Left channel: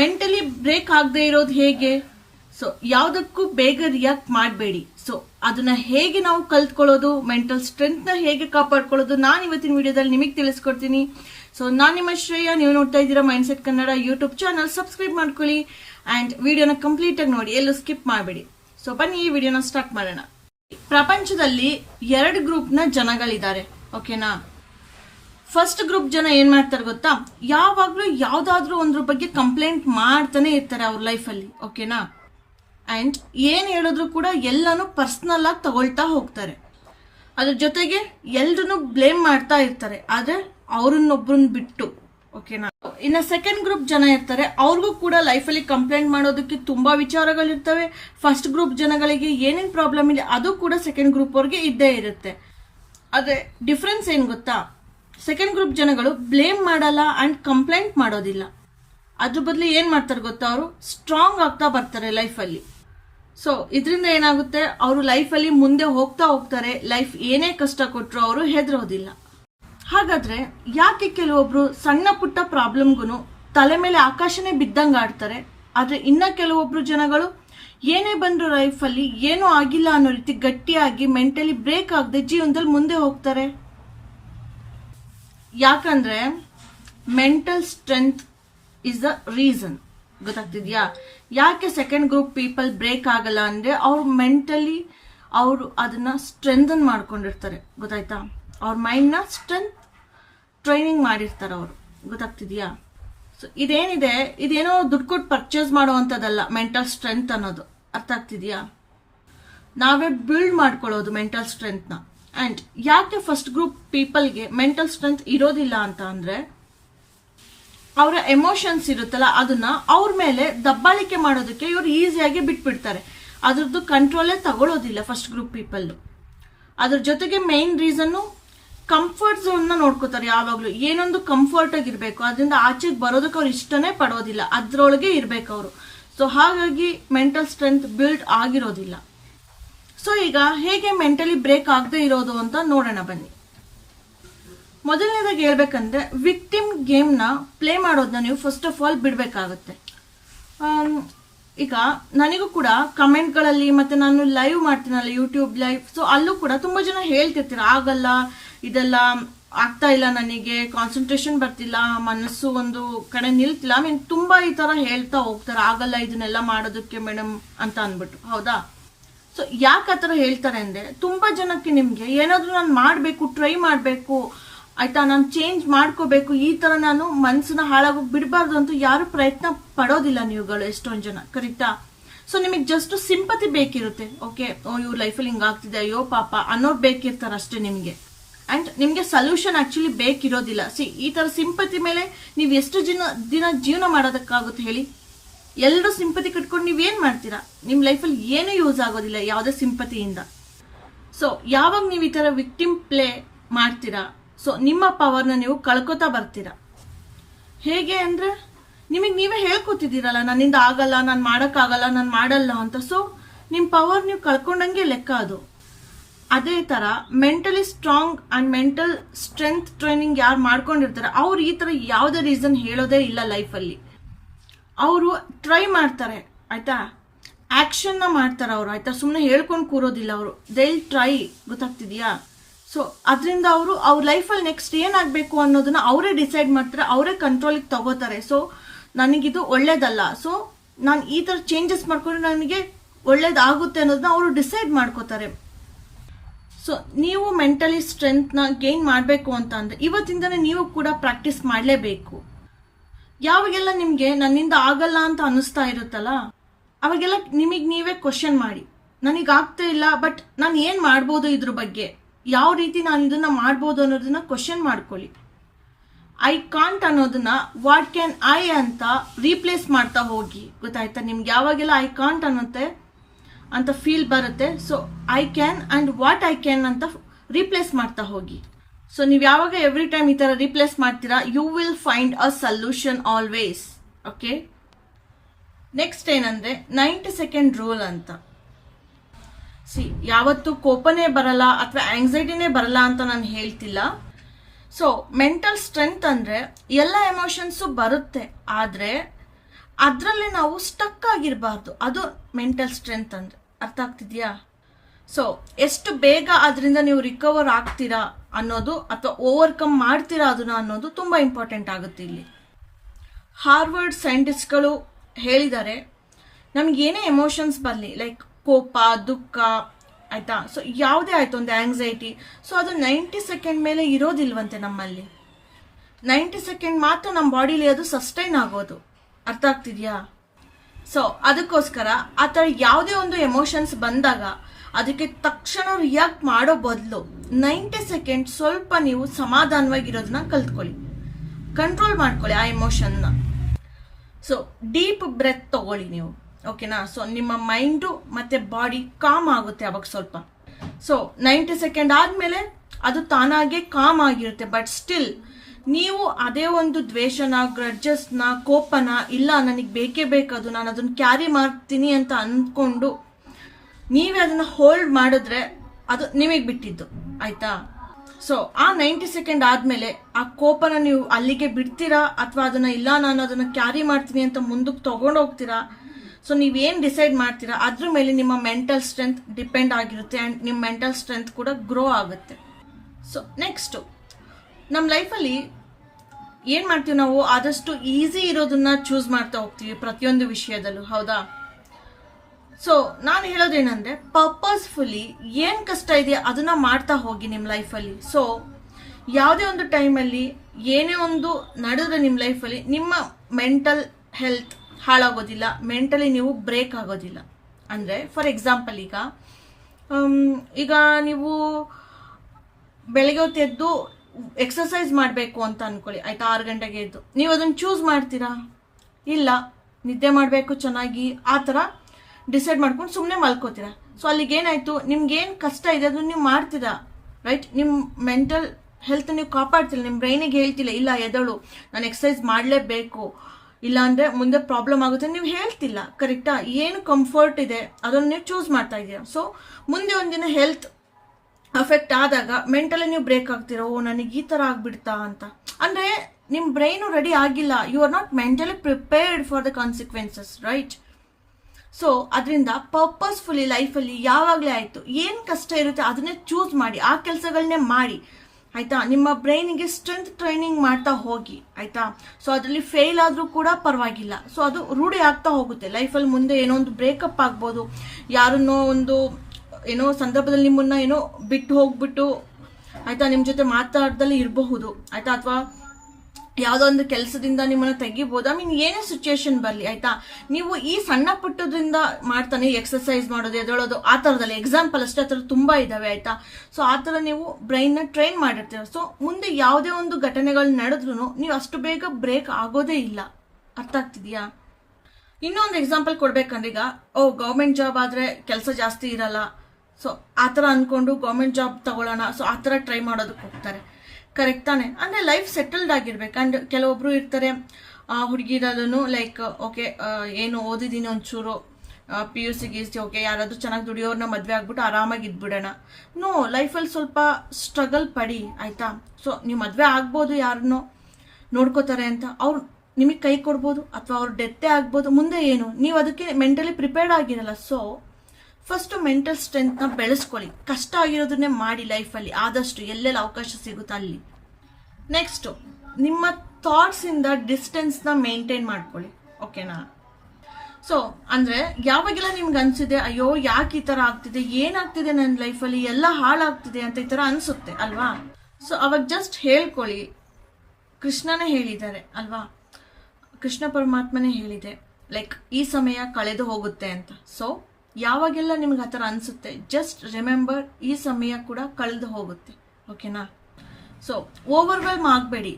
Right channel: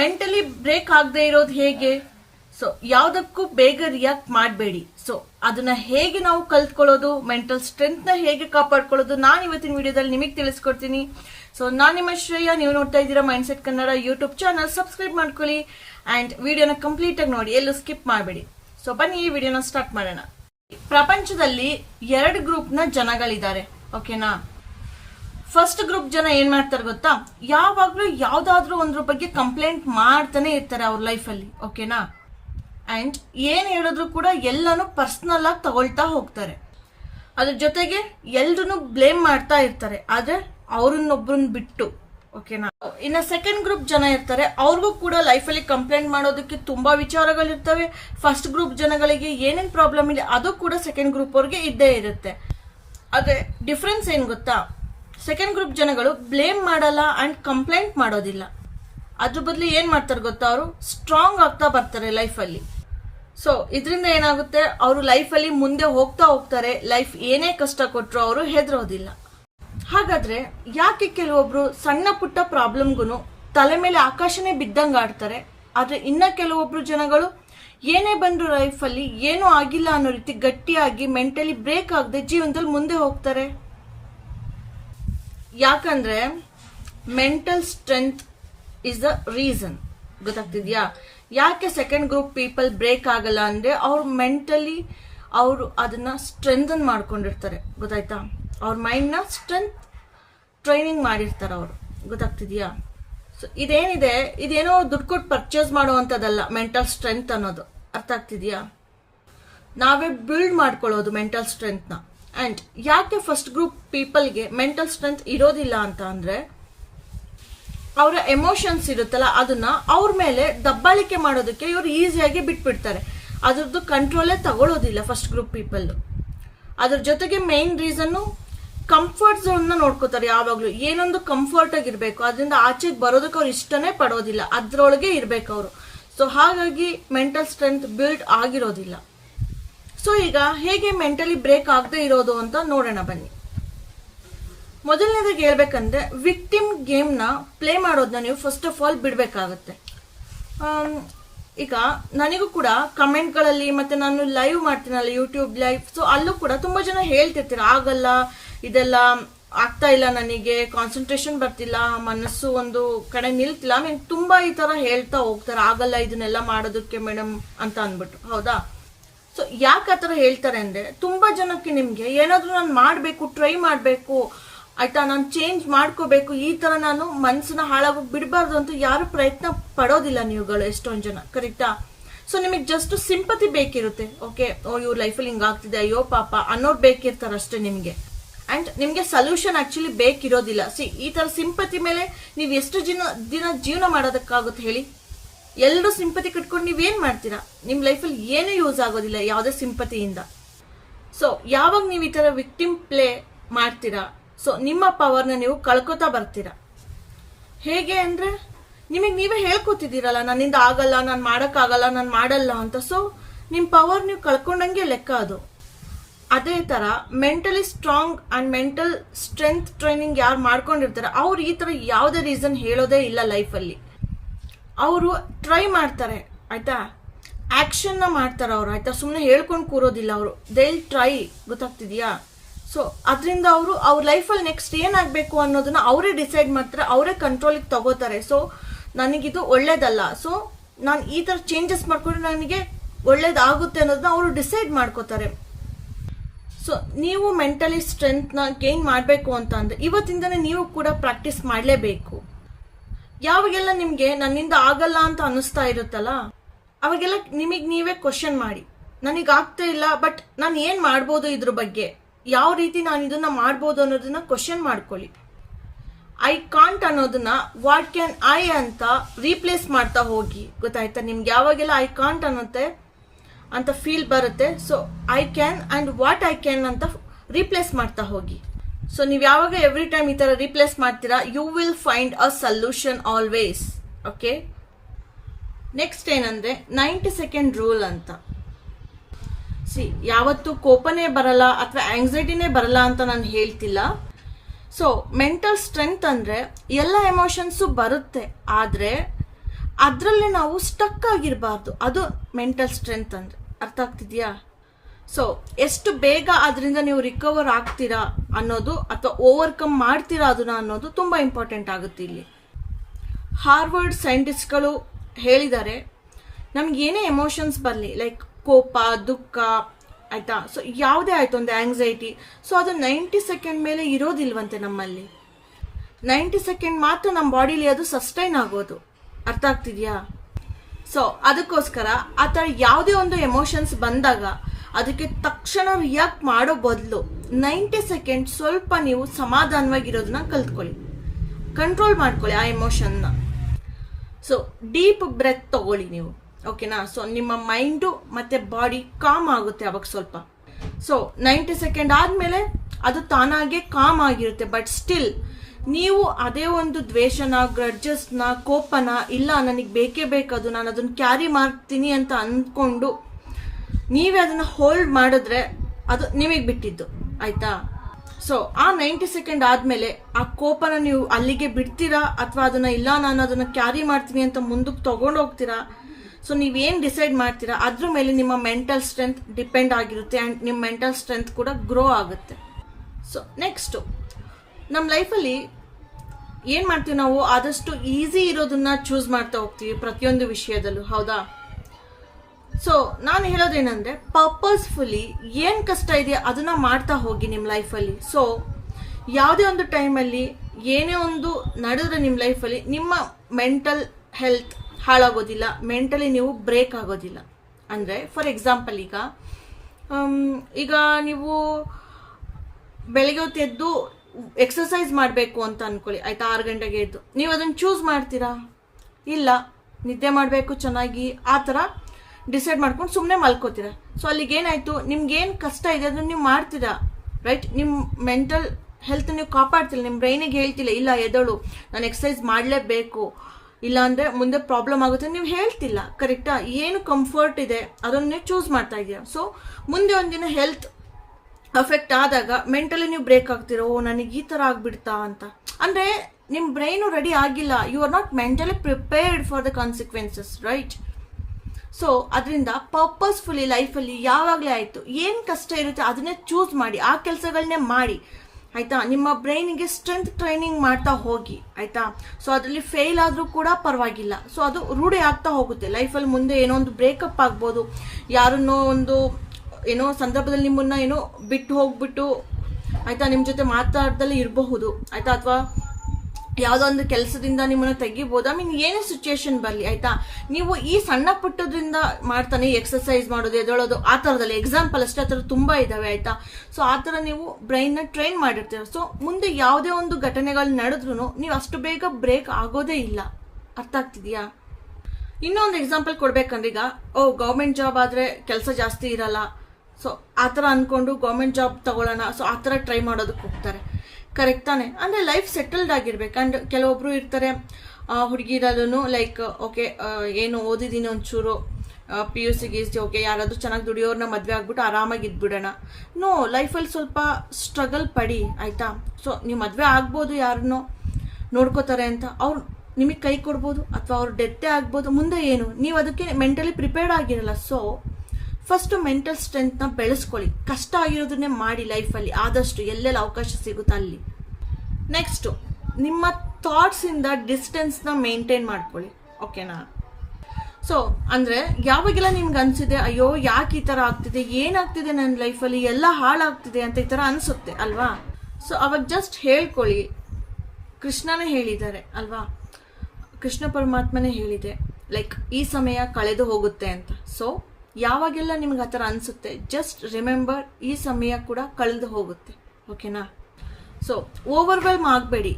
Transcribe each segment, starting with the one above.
Mentally break ಆಗದೆ ಇರೋದು ಹೇಗೆ? ಸೊ ಯಾವುದಕ್ಕೂ ಬೇಗ ರಿಯಾಕ್ಟ್ ಮಾಡಬೇಡಿ. ಸೊ ಅದನ್ನ ಹೇಗೆ ನಾವು ಕಲ್ತ್ಕೊಳ್ಳೋದು, ಮೆಂಟಲ್ ಸ್ಟ್ರೆಂತ್ ನ ಹೇಗೆ ಕಾಪಾಡ್ಕೊಳ್ಳೋದು, ನಾನು ಇವತ್ತಿನ ವಿಡಿಯೋದಲ್ಲಿ ನಿಮಗೆ ತಿಳಿಸ್ಕೊಡ್ತೀನಿ. ಸೊ ನಾನು ನಿಮ್ಮ ಶ್ರೇಯ, ನೀವು ನೋಡ್ತಾ ಇದ್ದೀರಾ mindset Kannada YouTube channel. Subscribe ಮಾಡ್ಕೊಳ್ಳಿ ಅಂಡ್ ವಿಡಿಯೋನ ಕಂಪ್ಲೀಟ್ ಆಗಿ ನೋಡಿ, ಎಲ್ಲೂ ಸ್ಕಿಪ್ ಮಾಡಬೇಡಿ. ಸೊ ಬನ್ನಿ ಈ ವಿಡಿಯೋನ ಸ್ಟಾರ್ಟ್ ಮಾಡೋಣ. ಪ್ರಪಂಚದಲ್ಲಿ 2 ಗ್ರೂಪ್ ನ ಜನಗಳಿದ್ದಾರೆ, ಓಕೆನಾ? ಫಸ್ಟ್ ಗ್ರೂಪ್ ಜನ ಏನ್ ಮಾಡ್ತಾರೆ ಗೊತ್ತಾ? ಯಾವಾಗ್ಲೂ ಯಾವ್ದಾದ್ರು ಒಂದ್ರ ಬಗ್ಗೆ ಕಂಪ್ಲೇಂಟ್ ಮಾಡ್ತಾನೆ ಇರ್ತಾರೆ ಅವ್ರ ಲೈಫಲ್ಲಿ, ಓಕೆನಾ? ಅಂಡ್ ಏನ್ ಹೇಳಿದ್ರು ಕೂಡ ಎಲ್ಲಾನು ಪರ್ಸನಲ್ ಆಗಿ ತಗೊಳ್ತಾ ಹೋಗ್ತಾರೆ. ಅದ್ರ ಜೊತೆಗೆ ಎಲ್ರನ್ನು ಬ್ಲೇಮ್ ಮಾಡ್ತಾ ಇರ್ತಾರೆ, ಆದ್ರೆ ಅವ್ರನ್ನೊಬ್ರನ್ನ ಬಿಟ್ಟು, ಓಕೆನಾ? ಇನ್ನ ಸೆಕೆಂಡ್ ಗ್ರೂಪ್ ಜನ ಇರ್ತಾರೆ, ಅವ್ರಿಗೂ ಕೂಡ ಲೈಫಲ್ಲಿ ಕಂಪ್ಲೇಂಟ್ ಮಾಡೋದಕ್ಕೆ ತುಂಬಾ ವಿಚಾರಗಳಿರ್ತವೆ. ಫಸ್ಟ್ ಗ್ರೂಪ್ ಜನಗಳಿಗೆ ಏನೇನ್ ಪ್ರಾಬ್ಲಮ್ ಇದೆ ಅದು ಕೂಡ ಸೆಕೆಂಡ್ ಗ್ರೂಪ್ ಅವ್ರಿಗೆ ಇದ್ದೇ ಇರುತ್ತೆ. ಆದ್ರೆ ಡಿಫ್ರೆನ್ಸ್ ಏನ್ ಗೊತ್ತಾ? ಸೆಕೆಂಡ್ ಗ್ರೂಪ್ ಜನಗಳು ಬ್ಲೇಮ್ ಮಾಡಲ್ಲ ಅಂಡ್ ಕಂಪ್ಲೇಂಟ್ ಮಾಡೋದಿಲ್ಲ. ಅದ್ರ ಬದಲು ಏನ್ ಮಾಡ್ತಾರೆ ಗೊತ್ತಾ? ಅವರು ಸ್ಟ್ರಾಂಗ್ ಆಗ್ತಾ ಬರ್ತಾರೆ ಲೈಫಲ್ಲಿ. ಸೊ ಇದರಿಂದ ಏನಾಗುತ್ತೆ, ಅವರು ಲೈಫಲ್ಲಿ ಮುಂದೆ ಹೋಗ್ತಾ ಹೋಗ್ತಾರೆ. ಲೈಫ್ ಏನೇ ಕಷ್ಟ ಕೊಟ್ಟರು ಅವರು ಹೆದರೋದಿಲ್ಲ. ಹಾಗಾದ್ರೆ ಯಾಕೆ ಕೆಲವೊಬ್ರು ಸಣ್ಣ ಪುಟ್ಟ ಪ್ರಾಬ್ಲಮ್ಗೂ ತಲೆ ಮೇಲೆ ಆಕಾಶನೇ ಬಿದ್ದಂಗ ಆಡ್ತಾರೆ, ಆದ್ರೆ ಇನ್ನ ಕೆಲವೊಬ್ರು ಜನಗಳು ಏನೇ ಬಂದ್ರು ಲೈಫಲ್ಲಿ ಏನೂ ಆಗಿಲ್ಲ ಅನ್ನೋ ರೀತಿ ಗಟ್ಟಿಯಾಗಿ ಮೆಂಟಲಿ ಬ್ರೇಕ್ ಆಗದೆ ಜೀವನದಲ್ಲಿ ಮುಂದೆ ಹೋಗ್ತಾರೆ? ಯಾಕಂದ್ರೆ mental strength is the reason. ಗೊತ್ತಾಗ್ತಿದ್ಯಾ? ಯಾಕೆ ಸೆಕೆಂಡ್ ಗ್ರೂಪ್ ಪೀಪಲ್ ಬ್ರೇಕ್ ಆಗಲ್ಲ ಅಂದ್ರೆ ಅವ್ರು ಮೆಂಟಲಿ ಅವರು ಅದನ್ನ ಸ್ಟ್ರೆಂಥನ್ ಮಾಡ್ಕೊಂಡಿರ್ತಾರೆ. ಗೊತ್ತಾಯ್ತಾ? ಅವ್ರ ಮೈಂಡ್ ನ ಸ್ಟ್ರೆಂತ್ ಟ್ರೈನಿಂಗ್ ಮಾಡಿರ್ತಾರೆ ಅವರು. ಗೊತ್ತಾಗ್ತಿದ್ಯಾ? ಸೊ ಇದೇನಿದೆ, ಇದೇನೋ ದುಡ್ಡು ಕೊಟ್ಟು ಪರ್ಚೇಸ್ ಮಾಡುವಂತದಲ್ಲ ಮೆಂಟಲ್ ಸ್ಟ್ರೆಂತ್ ಅನ್ನೋದು. ಅರ್ಥ ಆಗ್ತಿದ್ಯಾ? ನಾವೇ ಬಿಲ್ಡ್ ಮಾಡ್ಕೊಳ್ಳೋದು ಮೆಂಟಲ್ ಸ್ಟ್ರೆಂತ್ ನ. ಅಂಡ್ ಯಾಕೆ ಫಸ್ಟ್ ಗ್ರೂಪ್ ಪೀಪಲ್ಗೆ ಮೆಂಟಲ್ ಸ್ಟ್ರೆಂತ್ ಇರೋದಿಲ್ಲ ಅಂತ ಅಂದ್ರೆ, ಅವರ ಎಮೋಷನ್ಸ್ ಇರುತ್ತಲ್ಲ ಅದನ್ನ ಅವ್ರ ಮೇಲೆ ದಬ್ಬಾಳಿಕೆ ಮಾಡೋದಕ್ಕೆ ಇವ್ರು ಈಸಿಯಾಗಿ ಬಿಟ್ಬಿಡ್ತಾರೆ. ಅದ್ರದ್ದು ಕಂಟ್ರೋಲೇ ತಗೊಳ್ಳೋದಿಲ್ಲ ಫಸ್ಟ್ ಗ್ರೂಪ್ ಪೀಪಲ್. ಅದ್ರ ಜೊತೆಗೆ ಮೇನ್ ರೀಸನ್ ಕಂಫರ್ಟ್ ಝೋನ್ ನ ನೋಡ್ಕೋತಾರೆ. ಯಾವಾಗ್ಲೂ ಏನೊಂದು ಕಂಫರ್ಟ್ ಆಗಿರ್ಬೇಕು, ಅದರಿಂದ ಆಚೆಗೆ ಬರೋದಕ್ಕೆ ಅವ್ರು ಇಷ್ಟನೇ ಪಡೋದಿಲ್ಲ, ಅದ್ರೊಳಗೆ ಇರ್ಬೇಕು ಅವರು. ಸೊ ಹಾಗಾಗಿ ಮೆಂಟಲ್ ಸ್ಟ್ರೆಂತ್ ಬಿಲ್ಡ್ ಆಗಿರೋದಿಲ್ಲ. ಸೊ ಈಗ ಹೇಗೆ ಮೆಂಟಲಿ ಬ್ರೇಕ್ ಆಗದೆ ಇರೋದು ಅಂತ ನೋಡೋಣ ಬನ್ನಿ. ಮೊದಲನೇದಾಗಿ ಹೇಳ್ಬೇಕಂದ್ರೆ, ವಿಕ್ಟಿಮ್ ಗೇಮ್ ನ ಪ್ಲೇ ಮಾಡೋದನ್ನ ನೀವು ಫಸ್ಟ್ ಆಫ್ ಆಲ್ ಬಿಡ್ಬೇಕಾಗತ್ತೆ. ಈಗ ನನಗೂ ಕೂಡ ಕಮೆಂಟ್ ಗಳಲ್ಲಿ ಮತ್ತೆ ನಾನು ಲೈವ್ ಮಾಡ್ತೀನಲ್ಲ, ಯೂಟ್ಯೂಬ್ ಲೈವ್, ಸೊ ಅಲ್ಲೂ ಕೂಡ ತುಂಬಾ ಜನ ಹೇಳ್ತಿರ್ತೀರ, ಆಗಲ್ಲ, ಇದೆಲ್ಲ ಆಗ್ತಾ ಇಲ್ಲ, ನನಗೆ ಕಾನ್ಸಂಟ್ರೇಷನ್ ಬರ್ತಿಲ್ಲ, ಮನಸ್ಸು ಒಂದು ಕಡೆ ನಿಲ್ತಿಲ್ಲ, ಮೀನ್ ತುಂಬಾ ಈ ತರ ಹೇಳ್ತಾ ಹೋಗ್ತಾರೆ, ಆಗಲ್ಲ ಇದನ್ನೆಲ್ಲ ಮಾಡೋದಕ್ಕೆ ಮೇಡಮ್ ಅಂತ ಅನ್ಬಿಟ್ಟು. ಹೌದಾ? ಸೊ ಯಾಕೆ ಆತರ ಹೇಳ್ತಾರೆ ಅಂದ್ರೆ, ತುಂಬಾ ಜನಕ್ಕೆ ನಿಮ್ಗೆ ಏನಾದ್ರೂ ನಾನು ಮಾಡ್ಬೇಕು, ಟ್ರೈ ಮಾಡ್ಬೇಕು, ಆಯ್ತಾ, ನಾನು ಚೇಂಜ್ ಮಾಡ್ಕೋಬೇಕು, ಈ ತರ ನಾನು ಮನ್ಸನ್ನ ಹಾಳಾಗೋಗಿ ಬಿಡಬಾರ್ದು ಅಂತ ಯಾರು ಪ್ರಯತ್ನ ಪಡೋದಿಲ್ಲ ನೀವುಗಳು, ಎಷ್ಟೊಂದ್ ಜನ. ಕರೆಕ್ಟಾ? ಸೊ ನಿಮಗೆ ಜಸ್ಟ್ ಸಿಂಪತಿ ಬೇಕಿರುತ್ತೆ. ಓಕೆ, ಇವ್ರ ಲೈಫಲ್ಲಿ ಹಿಂಗ ಆಗ್ತಿದೆ, ಅಯ್ಯೋ ಪಾಪ ಅನ್ನೋರು ಬೇಕಿರ್ತಾರ ಅಷ್ಟೇ ನಿಮ್ಗೆ. ಅಂಡ್ ನಿಮ್ಗೆ ಸೊಲ್ಯೂಷನ್ ಆಕ್ಚುಲಿ ಬೇಕಿರೋದಿಲ್ಲ. ಈ ತರ ಸಿಂಪತಿ ಮೇಲೆ ನೀವ್ ಎಷ್ಟು ದಿನ ಜೀವನ ಮಾಡೋದಕ್ಕಾಗುತ್ತೆ ಹೇಳಿ? ಎಲ್ಲರೂ ಸಿಂಪತಿ ಕಟ್ಕೊಂಡು ನೀವೇನ್ ಮಾಡ್ತೀರಾ? ನಿಮ್ ಲೈಫಲ್ಲಿ ಏನೂ ಯೂಸ್ ಆಗೋದಿಲ್ಲ ಯಾವುದೇ ಸಿಂಪತಿಯಿಂದ. ಸೊ ಯಾವಾಗ ನೀವು ಈ ತರ ವಿಕ್ಟಿಮ್ ಪ್ಲೇ ಮಾಡ್ತೀರಾ, ಸೊ ನಿಮ್ಮ ಪವರ್ನ ನೀವು ಕಳ್ಕೊತಾ ಬರ್ತೀರಾ. ಹೇಗೆ ಅಂದ್ರೆ, ನಿಮಗೆ ನೀವೇ ಹೇಳ್ಕೊತಿದ್ದೀರಲ್ಲ, ನನ್ನಿಂದ ಆಗಲ್ಲ, ನಾನು ಮಾಡಕ್ಕಾಗಲ್ಲ, ನಾನು ಮಾಡಲ್ಲ ಅಂತ. ಸೊ ನಿಮ್ ಪವರ್ ನೀವು ಕಳ್ಕೊಂಡಂಗೆ ಲೆಕ್ಕ ಅದು. ಅದೇ ತರ mentally strong and mental strength training ಯಾರು ಮಾಡ್ಕೊಂಡಿರ್ತಾರೆ ಅವ್ರು ಈ ತರ ಯಾವುದೇ ರೀಸನ್ ಹೇಳೋದೇ ಇಲ್ಲ ಲೈಫಲ್ಲಿ. ಅವರು ಟ್ರೈ ಮಾಡ್ತಾರೆ, ಆಯ್ತಾ, ಆಕ್ಷನ್ ನ ಮಾಡ್ತಾರೆ ಅವರು, ಆಯ್ತಾ, ಸುಮ್ಮನೆ ಹೇಳ್ಕೊಂಡು ಕೂರೋದಿಲ್ಲ ಅವರು. They try. ಗೊತ್ತಾಗ್ತಿದ್ಯಾ? ಸೊ ಅದರಿಂದ ಅವರು ಅವ್ರ ಲೈಫಲ್ಲಿ ನೆಕ್ಸ್ಟ್ ಏನಾಗಬೇಕು ಅನ್ನೋದನ್ನ ಅವರೇ ಡಿಸೈಡ್ ಮಾಡ್ತಾರೆ, ಅವರೇ ಕಂಟ್ರೋಲಿಗೆ ತಗೋತಾರೆ. ಸೊ ನನಗಿದು ಒಳ್ಳೇದಲ್ಲ, ಸೊ ನಾನು ಈ ತರ ಚೇಂಜಸ್ ಮಾಡ್ಕೊಂಡ್ರೆ ನನಗೆ ಒಳ್ಳೇದಾಗುತ್ತೆ ಅನ್ನೋದನ್ನ ಅವರು ಡಿಸೈಡ್ ಮಾಡ್ಕೋತಾರೆ. ಸೊ ನೀವು ಮೆಂಟಲಿ ಸ್ಟ್ರೆಂತ್ ನ ಗೇನ್ ಮಾಡಬೇಕು ಅಂತ ಅಂದ್ರೆ ಇವತ್ತಿಂದನೇ ನೀವು ಕೂಡ ಪ್ರಾಕ್ಟೀಸ್ ಮಾಡಲೇಬೇಕು. ಯಾವಾಗೆಲ್ಲ ನಿಮ್ಗೆ ನನ್ನಿಂದ ಆಗಲ್ಲ ಅಂತ ಅನಿಸ್ತಾ ಇರುತ್ತಲ್ಲ, ಅವಾಗೆಲ್ಲ ನಿಮಗ್ ನೀವೇ ಕ್ವಶನ್ ಮಾಡಿ, ನನಗಾಗ್ತಾ ಇಲ್ಲ, ಬಟ್ ನಾನು ಏನ್ ಮಾಡ್ಬೋದು, ಇದ್ರ ಬಗ್ಗೆ ಯಾವ ರೀತಿ ನಾನು ಇದನ್ನ ಮಾಡ್ಬೋದು ಅನ್ನೋದನ್ನ ಕ್ವಶನ್ ಮಾಡ್ಕೊಳ್ಳಿ. ಐ ಕಾಂಟ್ ಅನ್ನೋದನ್ನ ವಾಟ್ ಕ್ಯಾನ್ ಐ ಅಂತ ರೀಪ್ಲೇಸ್ ಮಾಡ್ತಾ ಹೋಗಿ. ಗೊತ್ತಾಯ್ತಾ? ನಿಮ್ಗೆ ಯಾವಾಗೆಲ್ಲ ಐ ಕಾಂಟ್ ಅನ್ನುತ್ತೆ ಅಂತ ಫೀಲ್ ಬರುತ್ತೆ, so I can and what I can ಅಂತ ರೀಪ್ಲೇಸ್ ಮಾಡ್ತಾ ಹೋಗಿ. ಸೊ ನೀವು ಯಾವಾಗ ಎವ್ರಿ ಟೈಮ್ ಈ ತರ ರೀಪ್ಲೇಸ್ ಮಾಡ್ತೀರಾ, you will find a solution always. Okay, next ಏನಂದ್ರೆ 90 ಸೆಕೆಂಡ್ ರೂಲ್ ಅಂತ. ಯಾವತ್ತು ಕೋಪನೇ ಬರಲ್ಲ ಅಥವಾ ಆಂಗ್ಸೈಟಿನೇ ಬರಲ್ಲ ಅಂತ ನಾನು ಹೇಳ್ತಿಲ್ಲ. ಸೊ ಮೆಂಟಲ್ ಸ್ಟ್ರೆಂತ್ ಅಂದ್ರೆ ಎಲ್ಲ ಎಮೋಷನ್ಸ್ ಬರುತ್ತೆ, ಆದ್ರೆ ಅದರಲ್ಲೇ ನಾವು ಸ್ಟಕ್ ಆಗಿರಬಾರ್ದು. ಅದು ಮೆಂಟಲ್ ಸ್ಟ್ರೆಂತ್ ಅಂದ್ರೆ. ಅರ್ಥ ಆಗ್ತಿದ್ಯಾ? ಸೊ ಎಷ್ಟು ಬೇಗ ಅದರಿಂದ ನೀವು ರಿಕವರ್ ಆಗ್ತೀರಾ ಅನ್ನೋದು ಅಥವಾ ಓವರ್ಕಮ್ ಮಾಡ್ತೀರಾ ಅದನ್ನ ಅನ್ನೋದು ತುಂಬಾ ಇಂಪಾರ್ಟೆಂಟ್ ಆಗುತ್ತೆ ಇಲ್ಲಿ. ಹಾರ್ವರ್ಡ್ ಸೈಂಟಿಸ್ಟ್ಗಳು ಹೇಳಿದ್ದಾರೆ, ನಮ್ಗೆ ಏನೇ ಎಮೋಷನ್ಸ್ ಬರಲಿ, ಲೈಕ್ ಕೋಪ, ದುಃಖ, ಆಯ್ತಾ, ಸೊ ಯಾವುದೇ ಆಯ್ತು, ಒಂದು ಆಂಗ್ಸೈಟಿ, ಸೊ ಅದು 90 ಸೆಕೆಂಡ್ ಮೇಲೆ ಇರೋದಿಲ್ವಂತೆ ನಮ್ಮಲ್ಲಿ. 90 ಸೆಕೆಂಡ್ ಮಾತ್ರ ನಮ್ಮ ಬಾಡಿಲಿ ಅದು ಸಸ್ಟೈನ್ ಆಗೋದು. ಅರ್ಥ ಆಗ್ತಿದ್ಯಾ? ಸೊ ಅದಕ್ಕೋಸ್ಕರ ಆ ಥರ ಯಾವುದೇ ಒಂದು ಎಮೋಷನ್ಸ್ ಬಂದಾಗ ಅದಕ್ಕೆ ತಕ್ಷಣ ರಿಯಾಕ್ಟ್ ಮಾಡೋ ಬದಲು 90 ಸೆಕೆಂಡ್ ಸ್ವಲ್ಪ ನೀವು ಸಮಾಧಾನವಾಗಿರೋದನ್ನ ಕಲ್ತ್ಕೊಳ್ಳಿ, ಕಂಟ್ರೋಲ್ ಮಾಡ್ಕೊಳ್ಳಿ ಆ ಎಮೋಷನ್ನ. ಸೊ ಡೀಪ್ ಬ್ರೆತ್ ತಗೊಳ್ಳಿ ನೀವು, ಓಕೆನಾ? ಸೊ ನಿಮ್ಮ ಮೈಂಡು ಮತ್ತೆ ಬಾಡಿ ಕಾಮ್ ಆಗುತ್ತೆ ಅವಾಗ ಸ್ವಲ್ಪ. ಸೊ 90 ಸೆಕೆಂಡ್ ಆದ್ಮೇಲೆ ಅದು ತಾನಾಗೆ ಕಾಮ್ ಆಗಿರುತ್ತೆ. ಬಟ್ ಸ್ಟಿಲ್ ನೀವು ಅದೇ ಒಂದು ದ್ವೇಷನ, ಗ್ರಡ್ಜಸ್ನ, ಕೋಪನ, ಇಲ್ಲ ನನಗೆ ಬೇಕೇ ಬೇಕದು, ನಾನು ಅದನ್ನ ಕ್ಯಾರಿ ಮಾಡ್ತೀನಿ ಅಂತ ಅಂದ್ಕೊಂಡು ನೀವೇ ಅದನ್ನ ಹೋಲ್ಡ್ ಮಾಡಿದ್ರೆ ಅದು ನಿಮಗೆ ಬಿಟ್ಟಿದ್ದು, ಆಯ್ತಾ? ಸೊ ಆ 90 ಸೆಕೆಂಡ್ ಆದ್ಮೇಲೆ ಆ ಕೋಪನ ನೀವು ಅಲ್ಲಿಗೆ ಬಿಡ್ತೀರಾ ಅಥವಾ ಅದನ್ನ ಇಲ್ಲ ನಾನು ಅದನ್ನ ಕ್ಯಾರಿ ಮಾಡ್ತೀನಿ ಅಂತ ಮುಂದಕ್ಕೆ ತಗೊಂಡು ಹೋಗ್ತೀರಾ? ಸೊ ನೀವೇನ್ ಡಿಸೈಡ್ ಮಾಡ್ತೀರಾ ಅದ್ರ ಮೇಲೆ ನಿಮ್ಮ ಮೆಂಟಲ್ ಸ್ಟ್ರೆಂತ್ ಡಿಪೆಂಡ್ ಆಗಿರುತ್ತೆ ಅಂಡ್ ನಿಮ್ಮ ಮೆಂಟಲ್ ಸ್ಟ್ರೆಂತ್ ಕೂಡ ಗ್ರೋ ಆಗುತ್ತೆ. ಸೊ ನೆಕ್ಸ್ಟ್, ನಮ್ಮ ಲೈಫಲ್ಲಿ ಏನ್ ಮಾಡ್ತೀವಿ ನಾವು, ಆದಷ್ಟು ಈಸಿ ಇರೋದನ್ನ ಚೂಸ್ ಮಾಡ್ತಾ ಹೋಗ್ತೀವಿ ಪ್ರತಿಯೊಂದು ವಿಷಯದಲ್ಲೂ, ಹೌದಾ? ಸೊ ನಾನು ಹೇಳೋದೇನಂದ್ರೆ, ಪರ್ಪಸ್ಫುಲಿ ಏನ್ ಕಷ್ಟ ಇದೆಯಾ ಅದನ್ನ ಮಾಡ್ತಾ ಹೋಗಿ ನಿಮ್ಮ ಲೈಫಲ್ಲಿ. ಸೊ ಯಾವುದೇ ಒಂದು ಟೈಮಲ್ಲಿ ಏನೇ ಒಂದು ನಡೆದ್ರೆ ನಿಮ್ಮ ಲೈಫಲ್ಲಿ ನಿಮ್ಮ ಮೆಂಟಲ್ ಹೆಲ್ತ್ ಹಾಳಾಗೋದಿಲ್ಲ, ಮೆಂಟಲಿ ನೀವು ಬ್ರೇಕ್ ಆಗೋದಿಲ್ಲ. ಅಂದ್ರೆ ಫಾರ್ ಎಕ್ಸಾಂಪಲ್, ಈಗ ನೀವು ಬೆಳಗ್ಗೆ ಹೊತ್ತು ಎದ್ದು ಎಕ್ಸರ್ಸೈಸ್ ಮಾಡಬೇಕು ಅಂತ ಅನ್ಕೊಳ್ಳಿ, ಆಯ್ತಾ? 6 ಗಂಟೆಗೆ ಎದ್ದು ನೀವು ಅದನ್ನ ಚೂಸ್ ಮಾಡ್ತೀರಾ? ಇಲ್ಲ, ನಿದ್ದೆ ಮಾಡಬೇಕು ಚೆನ್ನಾಗಿ, ಆ ಥರ ಡಿಸೈಡ್ ಮಾಡ್ಕೊಂಡು ಸುಮ್ಮನೆ ಮಲ್ಕೋತೀರಾ. ಸೊ ಅಲ್ಲಿಗೆ ಏನಾಯ್ತು, ನಿಮ್ಗೇನು ಕಷ್ಟ ಇದೆ ಅದನ್ನ ನೀವು ಮಾಡ್ತೀರಾ, ರೈಟ್? ನಿಮ್ಮ ಮೆಂಟಲ್ ಹೆಲ್ತ್ ನೀವು ಕಾಪಾಡ್ತಿಲ್ಲ, ನಿಮ್ಮ ಬ್ರೈನಿಗೆ ಹೇಳ್ತಿಲ್ಲ ಇಲ್ಲ ಎದಳು ನಾನು ಎಕ್ಸರ್ಸೈಸ್ ಮಾಡಲೇಬೇಕು, ಇಲ್ಲ ಅಂದ್ರೆ ಮುಂದೆ ಪ್ರಾಬ್ಲಮ್ ಆಗುತ್ತೆ ನೀವು ಹೇಳ್ತಿಲ್ಲ, ಕರೆಕ್ಟಾ? ಏನು ಕಂಫರ್ಟ್ ಇದೆ ಅದನ್ನ ನೀವು ಚೂಸ್ ಮಾಡ್ತಾ ಇದೀರಾ. ಸೊ ಮುಂದೆ ಒಂದಿನ ಹೆಲ್ತ್ ಅಫೆಕ್ಟ್ ಆದಾಗ ಮೆಂಟಲಿ ನೀವು ಬ್ರೇಕ್ ಆಗ್ತಿರೋ, ಓ ನನಗೆ ಈ ತರ ಆಗ್ಬಿಡ್ತಾ ಅಂತ. ಅಂದ್ರೆ ನಿಮ್ ಬ್ರೈನು ರೆಡಿ ಆಗಿಲ್ಲ, you are not mentally prepared for the consequences, right? So ಅದರಿಂದ ಪರ್ಪಸ್ಫುಲಿ ಲೈಫಲ್ಲಿ ಯಾವಾಗಲೇ ಆಯ್ತು ಏನ್ ಕಷ್ಟ ಇರುತ್ತೆ ಅದನ್ನೇ ಚೂಸ್ ಮಾಡಿ, ಆ ಕೆಲಸಗಳನ್ನೇ ಮಾಡಿ, ಆಯ್ತಾ? ನಿಮ್ಮ ಬ್ರೈನ್ಗೆ ಸ್ಟ್ರೆಂತ್ ಟ್ರೈನಿಂಗ್ ಮಾಡ್ತಾ ಹೋಗಿ, ಆಯ್ತಾ? ಸೊ ಅದರಲ್ಲಿ ಫೇಲ್ ಆದ್ರೂ ಕೂಡ ಪರವಾಗಿಲ್ಲ. ಸೊ ಅದು ರೂಢಿ ಆಗ್ತಾ ಹೋಗುತ್ತೆ ಲೈಫಲ್ಲಿ. ಮುಂದೆ ಏನೋ ಒಂದು ಬ್ರೇಕಪ್ ಆಗ್ಬೋದು, ಯಾರನ್ನೋ ಒಂದು ಏನೋ ಸಂದರ್ಭದಲ್ಲಿ ನಿಮ್ಮನ್ನ ಏನೋ ಬಿಟ್ಟು ಹೋಗ್ಬಿಟ್ಟು, ಆಯ್ತಾ, ನಿಮ್ ಜೊತೆ ಮಾತಾಡ್ದಲ್ಲಿ ಇರಬಹುದು, ಆಯ್ತಾ? ಅಥವಾ ಯಾವ್ದೋ ಒಂದು ಕೆಲಸದಿಂದ ನಿಮ್ಮನ್ನ ತೆಗಿಬಹುದು. ಐ ಮೀನ್ ಏನೇ ಸಿಚುಯೇಷನ್ ಬರಲಿ, ಆಯ್ತಾ? ನೀವು ಈ ಸಣ್ಣ ಪುಟ್ಟದ್ರಿಂದ ಮಾಡ್ತಾನೆ ಎಕ್ಸರ್ಸೈಸ್ ಮಾಡೋದು, ಎದೊಳೋದು, ಆ ತರದಲ್ಲಿ ಎಕ್ಸಾಂಪಲ್ ಅಷ್ಟೇ, ಆ ಥರ ತುಂಬಾ ಇದಾವೆ, ಆಯ್ತಾ? ಸೊ ಆ ಥರ ನೀವು ಬ್ರೈನ್ ನ ಟ್ರೈನ್ ಮಾಡಿರ್ತೀರ. ಸೊ ಮುಂದೆ ಯಾವುದೇ ಒಂದು ಘಟನೆಗಳು ನಡೆದ್ರು ನೀವು ಅಷ್ಟು ಬೇಗ ಬ್ರೇಕ್ ಆಗೋದೇ ಇಲ್ಲ. ಅರ್ಥ ಆಗ್ತಿದ್ಯಾ? ಇನ್ನೊಂದು ಎಕ್ಸಾಂಪಲ್ ಕೊಡ್ಬೇಕಂದ್ರೆ, ಈಗ ಗೌರ್ಮೆಂಟ್ ಜಾಬ್ ಆದ್ರೆ ಕೆಲಸ ಜಾಸ್ತಿ ಇರಲ್ಲ, ಸೊ ಆತರ ಅನ್ಕೊಂಡು ಗೌರ್ಮೆಂಟ್ ಜಾಬ್ ತಗೊಳ್ಳೋಣ, ಸೊ ಆತರ ಟ್ರೈ ಮಾಡೋದಕ್ಕೆ ಹೋಗ್ತಾರೆ, ಕರೆಕ್ಟ್ ತಾನೆ? ಅಂದ್ರೆ ಲೈಫ್ ಸೆಟಲ್ಡ್ ಆಗಿರ್ಬೇಕು. ಅಂಡ್ ಕೆಲವೊಬ್ರು ಇರ್ತಾರೆ ಹುಡುಗಿರೋದನ್ನು, ಲೈಕ್ ಓಕೆ ಏನು ಓದಿದೀನಿ ಒಂಚೂರು PUC ಗೀಸಿ, ಓಕೆ ಯಾರಾದ್ರೂ ಚೆನ್ನಾಗಿ ದುಡಿಯೋರ್ನ ಮದ್ವೆ ಆಗ್ಬಿಟ್ಟು ಆರಾಮಾಗಿ ಇದ್ಬಿಡೋಣ. ನೋ, ಲೈಫಲ್ಲಿ ಸ್ವಲ್ಪ ಸ್ಟ್ರಗಲ್ ಪಡಿ, ಆಯ್ತಾ? ಸೊ ನೀವು ಮದ್ವೆ ಆಗ್ಬೋದು, ಯಾರನ್ನೋ ನೋಡ್ಕೋತಾರೆ ಅಂತ, ಅವ್ರು ನಿಮಗೆ ಕೈ ಕೊಡ್ಬೋದು ಅಥವಾ ಅವ್ರ ಡೆತ್ತೇ ಆಗ್ಬೋದು. ಮುಂದೆ ಏನು, ನೀವು ಅದಕ್ಕೆ ಮೆಂಟಲಿ ಪ್ರಿಪೇರ್ಡ್ ಆಗಿರಲ್ಲ. ಸೊ ಫಸ್ಟ್ ಮೆಂಟಲ್ ಸ್ಟ್ರೆಂತ್ ನ ಬೆಳೆಸ್ಕೊಳ್ಳಿ, ಕಷ್ಟ ಆಗಿರೋದನ್ನೇ ಮಾಡಿ ಲೈಫಲ್ಲಿ, ಆದಷ್ಟು ಎಲ್ಲೆಲ್ಲ ಅವಕಾಶ ಸಿಗುತ್ತೆ ಅಲ್ಲಿ. ನೆಕ್ಸ್ಟ್, ನಿಮ್ಮ ಥಾಟ್ಸ್ ಇಂದ ಡಿಸ್ಟೆನ್ಸ್ ನ ಮೇಂಟೈನ್ ಮಾಡ್ಕೊಳ್ಳಿ, ಓಕೆನಾ? ಸೊ ಅಂದ್ರೆ ಯಾವಾಗೆಲ್ಲ ನಿಮ್ಗೆ ಅನ್ಸಿದೆ ಅಯ್ಯೋ ಯಾಕೆ ಈ ತರ ಆಗ್ತಿದೆ, ಏನಾಗ್ತಿದೆ ನನ್ನ ಲೈಫಲ್ಲಿ, ಎಲ್ಲ ಹಾಳಾಗ್ತಿದೆ ಅಂತ ಈ ತರ ಅನ್ಸುತ್ತೆ ಅಲ್ವಾ? ಸೊ ಅವಾಗ ಜಸ್ಟ್ ಹೇಳ್ಕೊಳ್ಳಿ, ಕೃಷ್ಣನೇ ಹೇಳಿದ್ದಾರೆ ಅಲ್ವಾ, ಕೃಷ್ಣ ಪರಮಾತ್ಮನೇ ಹೇಳಿದೆ, ಲೈಕ್ ಈ ಸಮಯ ಕಳೆದು ಹೋಗುತ್ತೆ ಅಂತ. ಸೊ ಯಾವಾಗೆಲ್ಲ ನಿಮ್ಗೆ ಆತರ ಅನ್ಸುತ್ತೆ, ಜಸ್ಟ್ ರಿಮೆಂಬರ್ ಈ ಸಮಯ ಕೂಡ ಕಳೆದು ಹೋಗುತ್ತೆ, ಓಕೆನಾ? ಸೊ ಓವರ್ವೆಲ್ಮ್ ಆಗಬೇಡಿ,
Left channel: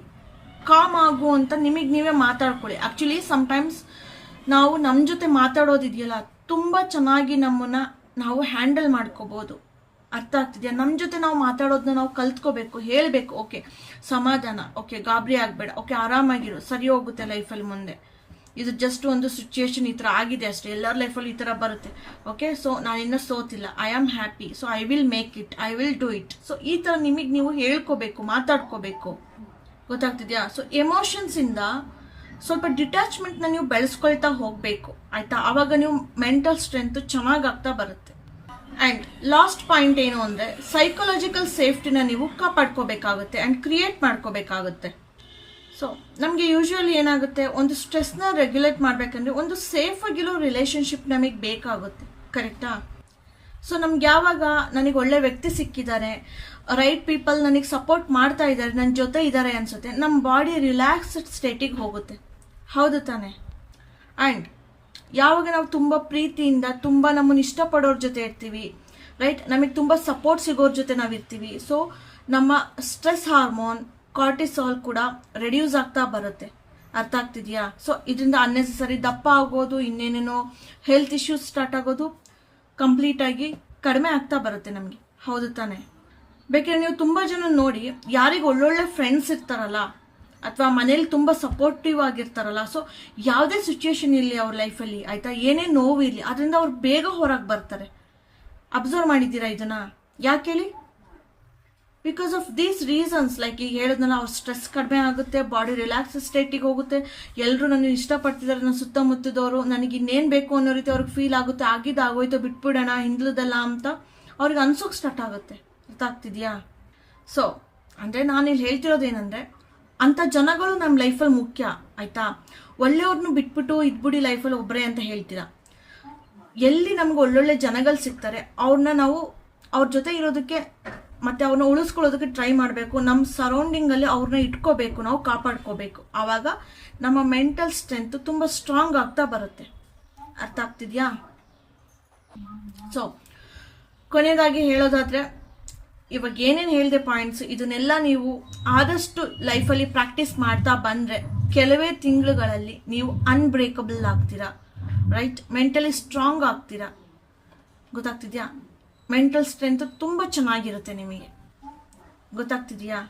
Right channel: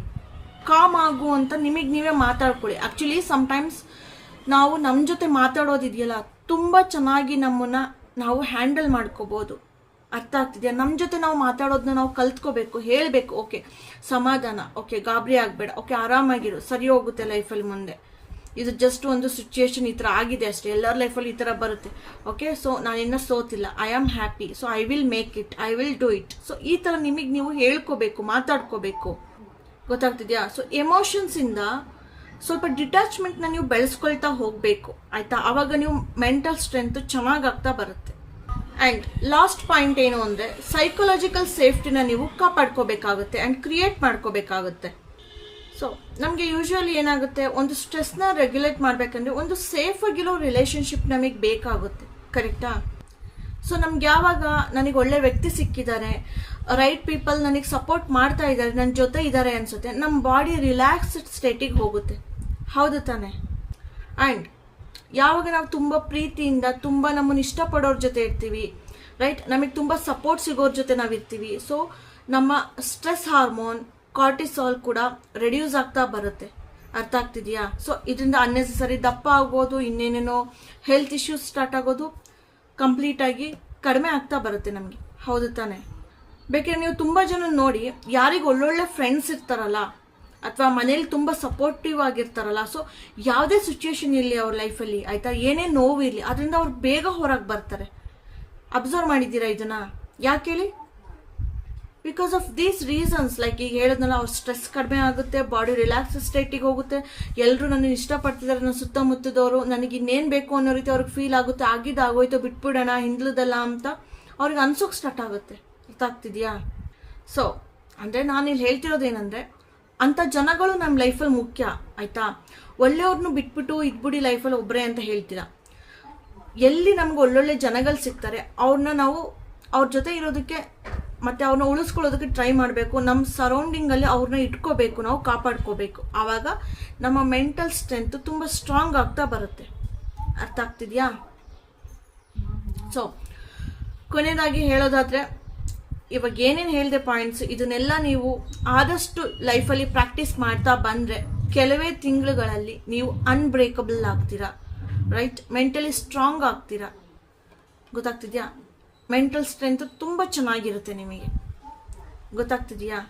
ಕಾಮ್ ಆಗು ಅಂತ ನಿಮಗೆ ನೀವೇ ಮಾತಾಡ್ಕೊಳ್ಳಿ. ಆಕ್ಚುಲಿ ಸಮ್ಟೈಮ್ಸ್ ನಾವು ನಮ್ಮ ಜೊತೆ ಮಾತಾಡೋದಿದೆಯಲ್ಲ, ತುಂಬಾ ಚೆನ್ನಾಗಿ ನಮ್ಮನ್ನ ನಾವು ಹ್ಯಾಂಡಲ್ ಮಾಡ್ಕೋಬಹುದು. ಅರ್ಥ ಆಗ್ತಿದೆಯಾ? ನಮ್ಮ ಜೊತೆ ನಾವು ಮಾತಾಡೋದನ್ನ ನಾವು ಕಲ್ತ್ಕೋಬೇಕು, ಹೇಳ್ಬೇಕು, ಓಕೆ ಸಮಾಧಾನ, ಓಕೆ ಗಾಬರಿ ಆಗ್ಬೇಡ, ಓಕೆ ಆರಾಮಾಗಿರು, ಸರಿ ಹೋಗುತ್ತೆ ಲೈಫಲ್ಲಿ ಮುಂದೆ, ಇದು ಜಸ್ಟ್ ಒಂದು ಸಿಚುಯೇಷನ್ ಈ ತರ ಆಗಿದೆ ಅಷ್ಟೇ, ಎಲ್ಲರ ಲೈಫಲ್ಲಿ ಈ ತರ ಬರುತ್ತೆ, ಓಕೆ? ಸೊ ನಾನು ಇನ್ನ ಸೋತಿಲ್ಲ, I am happy, so I will make it, I will do it. So ಈ ತರ ನಿಮಗೆ ನೀವು ಹೇಳ್ಕೋಬೇಕು, ಮಾತಾಡ್ಕೋಬೇಕು, ಗೊತ್ತಾಗ್ತಿದ್ಯಾ? ಸೊ ಎಮೋಷನ್ಸ್ ಇಂದ ಸ್ವಲ್ಪ ಡಿಟ್ಯಾಚ್ಮೆಂಟ್ನ ನೀವು ಬೆಳೆಸ್ಕೊಳ್ತಾ ಹೋಗಬೇಕು ಆಯ್ತಾ. ಆವಾಗ ನೀವು ಮೆಂಟಲ್ ಸ್ಟ್ರೆಂತ್ ಚೆನ್ನಾಗಾಗ್ತಾ ಬರುತ್ತೆ. ಆ್ಯಂಡ್ ಲಾಸ್ಟ್ ಪಾಯಿಂಟ್ ಏನು ಅಂದರೆ ಸೈಕಲಾಜಿಕಲ್ ಸೇಫ್ಟಿನ ನೀವು ಕಾಪಾಡ್ಕೋಬೇಕಾಗುತ್ತೆ ಆ್ಯಂಡ್ ಕ್ರಿಯೇಟ್ ಮಾಡ್ಕೋಬೇಕಾಗುತ್ತೆ. ಸೊ ನಮಗೆ ಯೂಶುವಲಿ ಏನಾಗುತ್ತೆ, ಒಂದು ಸ್ಟ್ರೆಸ್ನ ರೆಗ್ಯುಲೇಟ್ ಮಾಡಬೇಕಂದ್ರೆ ಒಂದು ಸೇಫ್ ಆಗಿರೋ ರಿಲೇಶನ್ಶಿಪ್ ನಮಗೆ ಬೇಕಾಗುತ್ತೆ, ಕರೆಕ್ಟಾ? ಸೊ ನಮ್ಗೆ ಯಾವಾಗ ನನಗೆ ಒಳ್ಳೆ ವ್ಯಕ್ತಿ ಸಿಕ್ಕಿದ್ದಾರೆ, ರೈಟ್ ಪೀಪಲ್ ನನಗೆ ಸಪೋರ್ಟ್ ಮಾಡ್ತಾ ಇದ್ದಾರೆ, ನನ್ನ ಜೊತೆ ಇದ್ದಾರೆ ಅನ್ಸುತ್ತೆ, ನಮ್ಮ ಬಾಡಿ ರಿಲ್ಯಾಕ್ಸ್ಡ್ ಸ್ಟೇಟಿಗೆ ಹೋಗುತ್ತೆ, ಹೌದು ತಾನೆ? ಆ್ಯಂಡ್ ಯಾವಾಗ ನಾವು ತುಂಬ ಪ್ರೀತಿಯಿಂದ ತುಂಬ ನಮ್ಮನ್ನು ಇಷ್ಟಪಡೋರ ಜೊತೆ ಇರ್ತೀವಿ, ರೈಟ್, ನಮಗೆ ತುಂಬ ಸಪೋರ್ಟ್ ಸಿಗೋರ ಜೊತೆ ನಾವು ಇರ್ತೀವಿ, ಸೊ ನಮ್ಮ ಸ್ಟ್ರೆಸ್ ಹಾರ್ಮೋನ್ ಕಾರ್ಟಿಸಾಲ್ ಕೂಡ ರೆಡ್ಯೂಸ್ ಆಗ್ತಾ ಬರುತ್ತೆ. ಅರ್ಥ ಆಗ್ತಿದೆಯಾ? ಸೊ ಇದರಿಂದ ಅನ್ನೆಸೆಸರಿ ದಪ್ಪ ಆಗೋದು, ಇನ್ನೇನೇನೋ ಹೆಲ್ತ್ ಇಶ್ಯೂಸ್ ಸ್ಟಾರ್ಟ್ ಆಗೋದು ಕಂಪ್ಲೀಟ್ ಆಗಿ ಕಡಿಮೆ ಆಗ್ತಾ ಬರುತ್ತೆ ನಮಗೆ, ಹೌದು ತಾನೆ? ಬೇಕಾದ್ರೆ ನೀವು ತುಂಬ ಜನ ನೋಡಿ, ಯಾರಿಗೆ ಒಳ್ಳೊಳ್ಳೆ ಫ್ರೆಂಡ್ಸ್ ಇರ್ತಾರಲ್ಲ ಅಥವಾ ಮನೇಲಿ ತುಂಬ ಸಪೋರ್ಟಿವ್ ಆಗಿರ್ತಾರಲ್ಲ, ಸೊ ಯಾವುದೇ ಸಿಚುಯೇಷನ್ ಇರಲಿ ಅವ್ರ ಲೈಫಲ್ಲಿ ಆಯ್ತಾ, ಏನೇ ನೋವು ಇರಲಿ, ಅದರಿಂದ ಅವ್ರು ಬೇಗ ಹೊರಗೆ ಬರ್ತಾರೆ. ಅಬ್ಸರ್ವ್ ಮಾಡಿದ್ದೀರಾ ಇದನ್ನ? ಯಾಕೆ ಹೇಳಿ? Because of these reasons. Like ಈಗ ಹೇಳಿದ್ನಲ್ಲ, ಅವ್ರ ಸ್ಟ್ರೆಸ್ ಕಡಿಮೆ ಆಗುತ್ತೆ, ಬಾಡಿ ರಿಲ್ಯಾಕ್ಸ್ ಸ್ಟೇಟಿಗೆ ಹೋಗುತ್ತೆ, ಎಲ್ಲರೂ ನನ್ನ ಇಷ್ಟಪಡ್ತಿದ್ದಾರೆ, ನನ್ನ ಸುತ್ತಮುತ್ತದವರು, ನನಗೆ ಇನ್ನೇನು ಬೇಕು ಅನ್ನೋ ರೀತಿ ಅವ್ರಿಗೆ ಫೀಲ್ ಆಗುತ್ತೆ, ಆಗೋಯ್ತು ಬಿಟ್ಬಿಡೋಣ ಹಿಂದ್ಲದಲ್ಲ ಅಂತ ಅವ್ರಿಗೆ ಅನ್ಸೋಕ್ ಸ್ಟಾರ್ಟ್ ಆಗುತ್ತೆ. ಅರ್ಥ ಆಗ್ತಿದ್ಯಾ? ಸೊ ಅಂದರೆ ನಾನಿಲ್ಲಿ ಹೇಳ್ತಿರೋದೇನೆಂದರೆ, ಅಂಥ ಜನಗಳು ನಮ್ಮ ಲೈಫಲ್ಲಿ ಮುಖ್ಯ ಆಯ್ತಾ. ಒಳ್ಳೆಯವ್ರನ್ನು ಬಿಟ್ಬಿಟ್ಟು ಇದ್ಬಿಡಿ ಲೈಫಲ್ಲಿ ಒಬ್ಬರೇ ಅಂತ ಹೇಳ್ತೀರಾ. ಎಲ್ಲಿ ನಮ್ಗೆ ಒಳ್ಳೊಳ್ಳೆ ಜನಗಳು ಸಿಗ್ತಾರೆ ಅವ್ರನ್ನ ನಾವು ಅವ್ರ ಜೊತೆ ಇರೋದಕ್ಕೆ ಮತ್ತೆ ಅವ್ರನ್ನ ಉಳಿಸ್ಕೊಳ್ಳೋದಕ್ಕೆ ಟ್ರೈ ಮಾಡಬೇಕು. ನಮ್ಮ ಸರೌಂಡಿಂಗಲ್ಲಿ ಅವ್ರನ್ನ ಇಟ್ಕೋಬೇಕು, ನಾವು ಕಾಪಾಡ್ಕೋಬೇಕು. ಆವಾಗ ನಮ್ಮ ಮೆಂಟಲ್ ಸ್ಟ್ರೆಂತ್ ತುಂಬ ಸ್ಟ್ರಾಂಗ್ ಆಗ್ತಾ ಬರುತ್ತೆ. ಅರ್ಥ ಆಗ್ತಿದ್ಯಾ? ಸೊ ಕೊನೆಯದಾಗಿ ಹೇಳೋದಾದ್ರೆ, ಇವಾಗ ಏನೇನು ಹೇಳಿದೆ ಪಾಯಿಂಟ್ಸ್, ಇದನ್ನೆಲ್ಲ ನೀವು ಆದಷ್ಟು ಲೈಫಲ್ಲಿ ಪ್ರಾಕ್ಟೀಸ್ ಮಾಡ್ತಾ ಬಂದರೆ ಕೆಲವೇ ತಿಂಗಳುಗಳಲ್ಲಿ ನೀವು ಅನ್ಬ್ರೇಕಬಲ್ ಆಗ್ತೀರಾ, ರೈಟ್? ಮೆಂಟಲಿ ಸ್ಟ್ರಾಂಗ್ ಆಗ್ತೀರಾ. ಗೊತ್ತಾಗ್ತಿದ್ಯಾ? ಮೆಂಟಲ್ ಸ್ಟ್ರೆಂತ್ ತುಂಬ ಚೆನ್ನಾಗಿರುತ್ತೆ ನಿಮಗೆ. ಗೊತ್ತಾಗ್ತಿದೆಯಾ?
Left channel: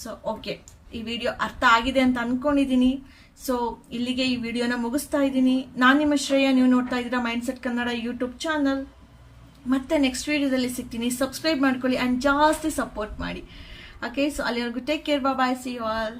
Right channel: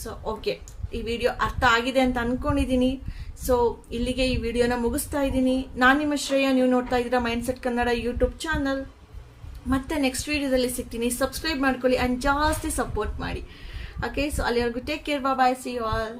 ಸೊ ಓಕೆ, ಈ ವಿಡಿಯೋ ಅರ್ಥ ಆಗಿದೆ ಅಂತ ಅನ್ಕೊಂಡಿದ್ದೀನಿ. ಸೊ ಇಲ್ಲಿಗೆ ಈ ವಿಡಿಯೋನ ಮುಗಿಸ್ತಾ ಇದ್ದೀನಿ. ನಾನು ನಿಮ್ಮ ಶ್ರೇಯ, ನೀವು ನೋಡ್ತಾ ಇದ್ದೀರಾ ಮೈಂಡ್ಸೆಟ್ ಕನ್ನಡ ಯೂಟ್ಯೂಬ್ ಚಾನಲ್. ಮತ್ತೆ ನೆಕ್ಸ್ಟ್ ವಿಡಿಯೋದಲ್ಲಿ ಸಿಗ್ತೀನಿ. ಸಬ್ಸ್ಕ್ರೈಬ್ ಮಾಡ್ಕೊಳ್ಳಿ ಆ್ಯಂಡ್ ಜಾಸ್ತಿ ಸಪೋರ್ಟ್ ಮಾಡಿ. ಓಕೆ, ಸೊ ಅಲ್ಲಿವರೆಗೂ take care, bye, see you all.